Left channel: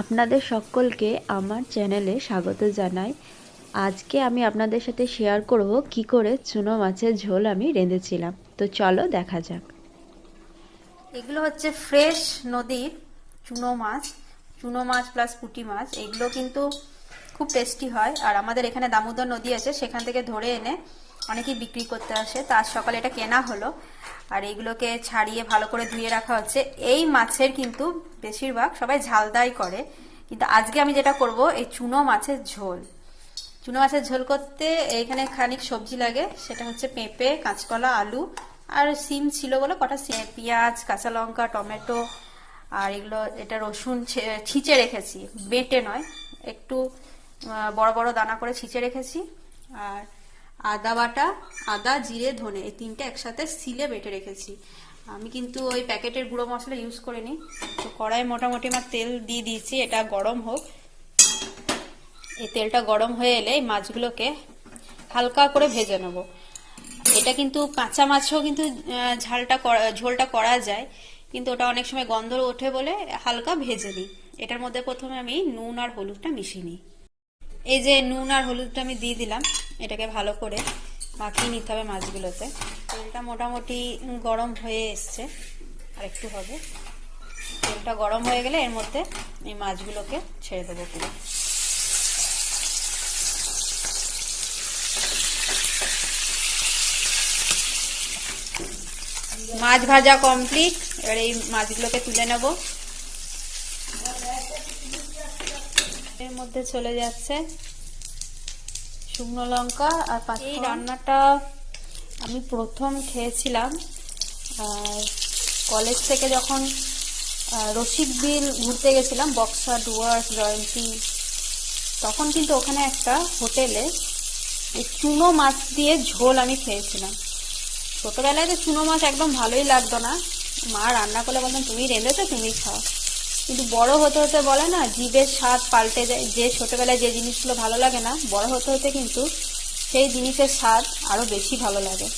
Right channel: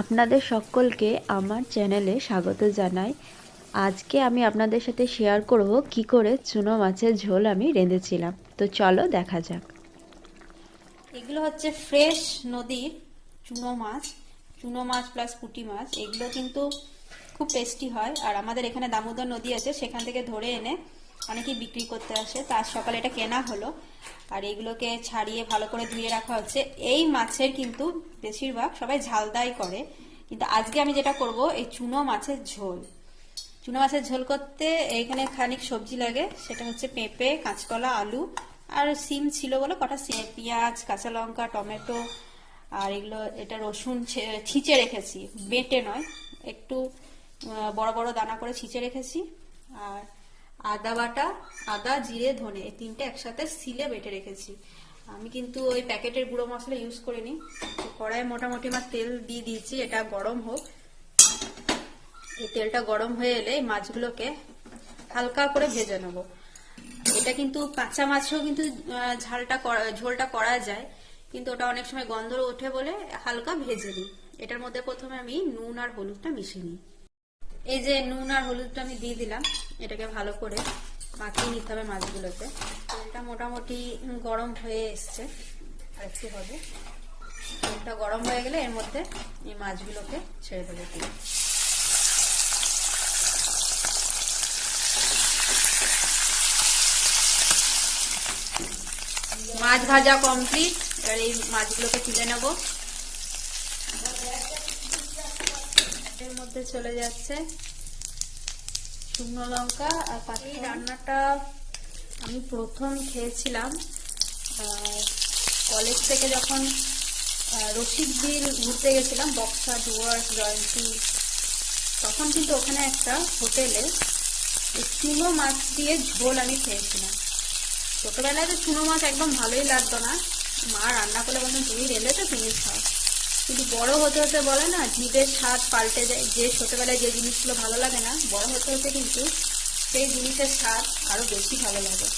আপনাদের সকলকে আমার চ্যানেলে স্বাগত জানাই। আজকে আমি আপনাদের সাথে শেয়ার করব কি করে চুনো মাছের ঝোল আমি রেঁধেছিলাম। তো চলো দেখা যাক। এগুলো হচ্ছে ফ্রেশ নদীর চুনো মাছ প্লাস পুঁটি মাছ। এগুলো কিন্তু খুব টেস্টি হয়। আর আমাদের এখানে দামোদর নদী আছে, সেখান থেকে ধরে এনে অনেকেই বিক্রি করতে আসে। তার সকালে এটা কেনা হলো, আর এগুলোকে ছাড়িয়ে ভালো করে ধুয়ে রাখা হচ্ছে। এই মাছের কিন্তু বেশিরভাগ সবাই ঝালদাই করে, কিন্তু আজকে আমি যেটা করব এই চুনো মাছের ঝোল করতে এখানে খানিক সবজি লাগে। সেটা হচ্ছে পেঁপে, কাঁচকলা, আলু আর সিম ছিল বলে কটা পেঁয়াজ, কাঁচা লঙ্কা, টমেটো আর এটা রসুন ছিঁচে রেখেছি, বেটে নয়, একটু বড় বড় দানা করে ছিঁচে রেখেছি। আর আদা বাটা, আদা, জিরে, ধনে, এই তিনটে একসাথে সিলে বেটে রেখেছি। আমি কিন্তু ওই প্যাকেটের গুঁড়ো মশলা ইউজ করিনি। তো কড়াইয়ে মোটামুটি আমার তেল দিয়ে দিয়েছি, এটা গরম হোক। এই তেলটা গরম হয়ে এলে এই মাছগুলোকে হালকা করে ভেজে নেব। এটা কিন্তু কাঁচা মাছেও কিন্তু ঝোলটা করা যায়, কিন্তু ওটা অনেক সময় গন্ধ ওঠে বলে হালকা ভেজে নিই। এটার মধ্যে প্রথমে আমি নুন আর হলুদটা মিশিয়ে নিই। এই যে নুন আর হলুদটা আমি দিয়ে দিলাম, এটাকে ভালো করে মাখিয়ে নিতে হবে মাছগুলোতে। তেলটা মোটামুটি গরম হয়ে এসছে, আর একটু হবে। তেলটা গরম হয়ে গেলে এর মধ্যে এই মাছগুলোকে ছেড়ে দেবো পুরো। মাছ ভাজা কমপ্লিট, এবার এই মাছগুলোকে তুলে নেব। এর মধ্যে চলে যাচ্ছে শুকনো লঙ্কা আর এই রান্নাটা আমি প্রথম খেয়েছিলাম কলেজ থেকে, যখন রসিক বিল ঘুরতে গেছিলাম, বক্সা, ডুয়ার্স, জয়ন্তী। তখন কিন্তু ওখানে একটা হোটেলে এই চুনো মাছ দিয়ে ঝোল আমি খেয়েছিলাম। ছোটবেলায় তো চুনো মাছ একদম ভালোই লাগতো না, মা রান্না করলে বলতাম তুমি রেঁধেছো তুমি খাও। কিন্তু বড় হতে হতে বলে না, জিভের স্বাদ পাল্টে যায়। যে ছোটবেলায় যে জিনিসগুলো ভালো লাগে না, বড় হতে হতে কিন্তু সেই জিনিসের স্বাদ আরো বেশি ভালো লাগে।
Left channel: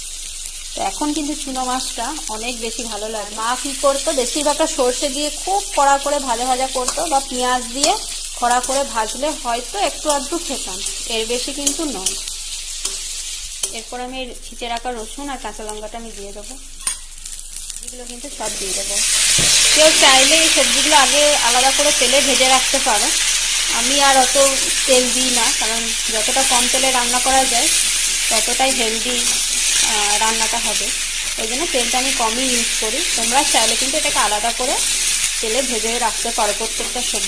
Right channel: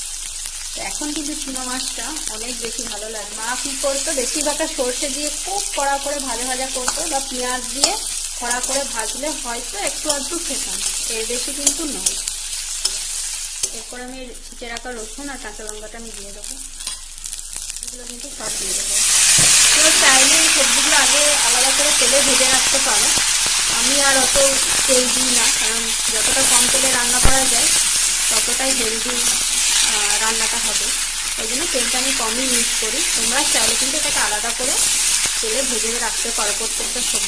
তো এখন কিন্তু চুনো মাছটা অনেক বেশি ভালো লাগে। মা কি করতো, বেশিরভাগটা সর্ষে দিয়ে খুব কড়া করে ভাজা ভাজা করতো, বা পেঁয়াজ দিয়ে কড়া করে ভাজলে হয়তো একটু আধটু খেতাম, এর বেশি কিন্তু নয়। এরপর আমি ছিঁচে রাখা রসুন আর কাঁচা লঙ্কাটা আমি দিয়ে দেবো। এগুলো কিন্তু সব দিয়ে দেবো। কেউ চাইলে এই সবজিগুলো আগে আলাদা করে তেলে ভেজে রাখতে পারো। আমি আর অত তেল দিই না, কারণ যতটা কম তেলে রান্না করা যায় ততটাই হেলদি রান্নাটা হবে। ওই জন্য তেলটা আমি কমই ইউজ করি। তোমরা চাইলে কিন্তু এটাকে আলাদা করে তেলে ভেজে রাখতে পারো প্রত্যেকটা সবজি।